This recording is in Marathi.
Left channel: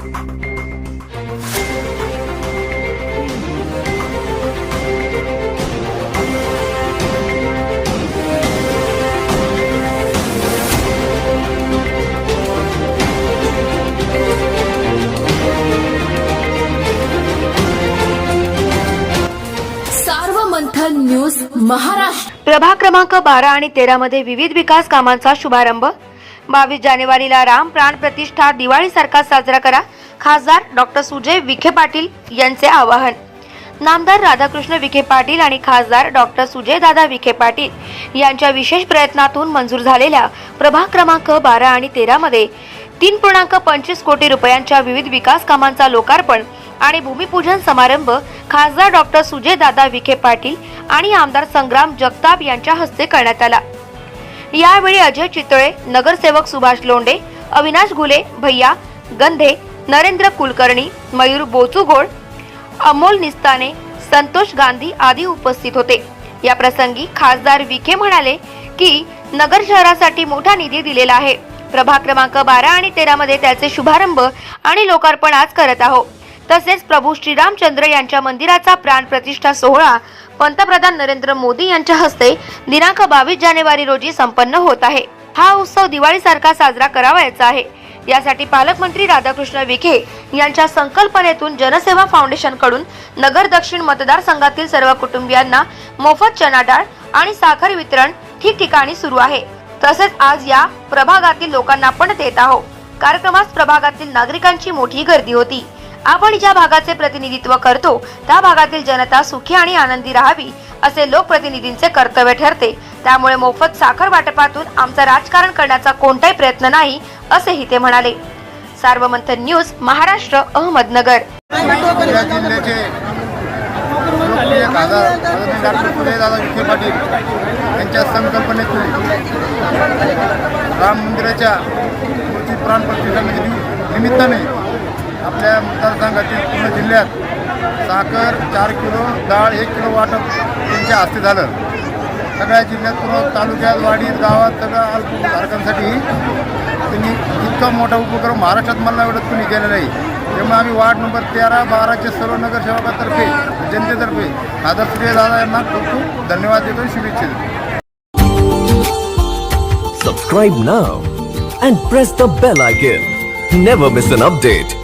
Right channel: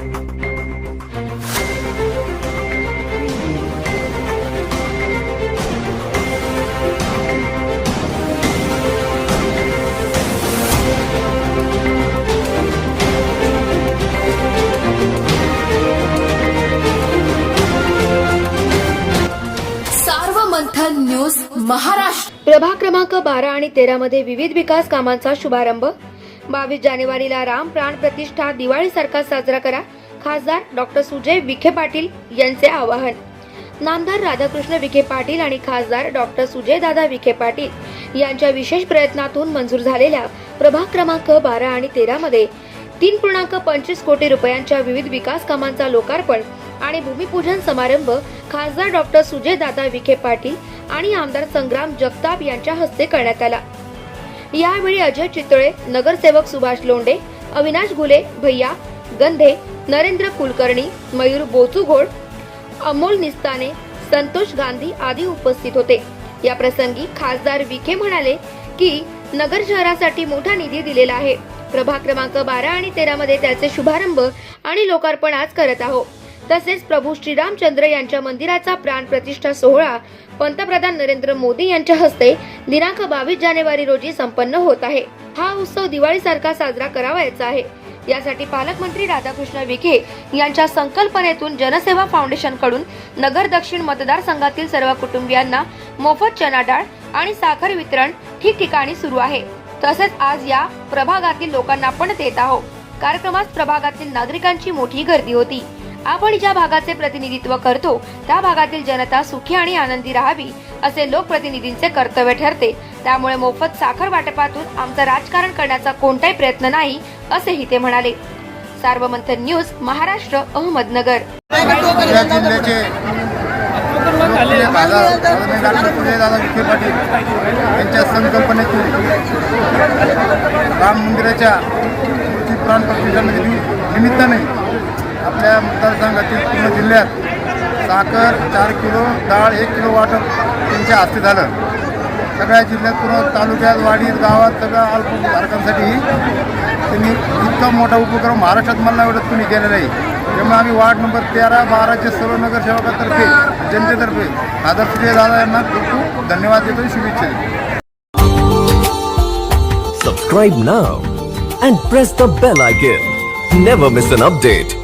सार्वमंथन न्यूज महाराष्ट्र. प्रभाग क्रमांक बारा आणि तेरा मध्ये विविध विकास कामांचा शुभारंभ. बावीस जानेवारीला राम प्राण प्रतिष्ठा दिवाळी सारखा साजरा करा. खासदार डॉक्टर सुजय विखे पाटील यांचे आवाहन. नामदार राधाकृष्ण विखे पाटील आणि खासदार डॉक्टर सुजयदादा विखे पाटील यांच्या विशेष प्रयत्नातून मंजूर झालेल्या प्रभाग क्रमांक बारा आणि तेरामध्ये तीन पूर्णांक पंचवीस कोटी रुपयांच्या विविध विकास कामांचा लोकार्पण आणि भूमिपूजन समारंभ खासदार डॉक्टर सुजयदादा विखे पाटील आणि आमदार संग्राम जगताप यांच्या हस्ते करण्यात आला. यावेळी अजय चितळे नगरसेवक सुभाष लोंडे अविनाश घुले भैया गंधे नरेंद्र कुलकर्णी मयूर बोचुगोड अमोल निस्ताने संतोष गांधी आदी उपस्थित होते. या प्रसंगी खासदार विखे म्हणाले की नगर शहरासाठी मोठा निधी दिलेला आहे. प्रभाग क्रमांक बारा आणि तेरा मध्ये त्याचे शुभारंभ आणि लोकार्पण आज करत आहोत. तसेच प्रभू श्रीरामचंद्र यांच्या मंदिराचा प्राण प्रतिष्ठा सोहळा पंतप्रधान नरेंद्र मोदी यांच्या हस्ते दिनांक बावीस जानेवारी रोजी संपन्न होत आहे. हा उत्सव दिवाळीसारखा साजरा करावायचा आहे. यासाठी पालकमंत्री राधाकृष्ण विखे यांच्या संकल्पनेतून जनसेवा फाउंडेशनकडून नगर दक्षिण मतदारसंघातील सर्व कुटुंबियांना मोफत चना डाळ आणि साखर वितरण ठिकठिकाणी सुरू आहे. तसेच आज या प्रभागातील लोकांना पण देत आहोत. कार्यक्रमास प्रभागातील नागरिकांची मोठी गर्दी होती. आपण ज्या भागाचे प्रतिनिधित्व करतो त्या भागातील जनता सुखी आणि आनंदी राहावी असे लोकप्रतिनिधींचे कर्तव्य ठरते. त्यामुळे मोफत साखर वाटपातून आमचा राजकारण करण्याचा कोणताही प्रयत्न नाही असेही ते म्हणाले. सार्वमंथन न्यूज महाराष्ट्र अहमदनगर. या जिल्ह्याचे लोकप्रिय खासदार आदरणीय डॉक्टर सुजयदादा विखे पाटील यांच्या संकल्पनेतून राम मंदिराच्या मूर्ती प्राण प्रतिष्ठानाच्या निमित्ताने आपल्या मतदारसंघातील पूर्ण जिल्ह्यात साखर चार किलो डाळ एक किलो वाटप त्यांच्या हस्ते झालं. सगळ्या जिल्ह्यात पूर्ण तालुक्यात वाडीत गावात सगळ्या अल्पधारकांसाठी त्यांनी इतका मोठा उपक्रम महाराष्ट्रात मला एवढंच कुणी केला नाही. त्यामुळे आम्ही वार्ड नंबर तेरा बाराचे सर्व नगरसेवकातर्फे जनतेतर्फे आदर्श दादा यांना खूप खूप धन्यवाद देतो शुभेच्छा देतो subscribe now and press the bell icon never miss an update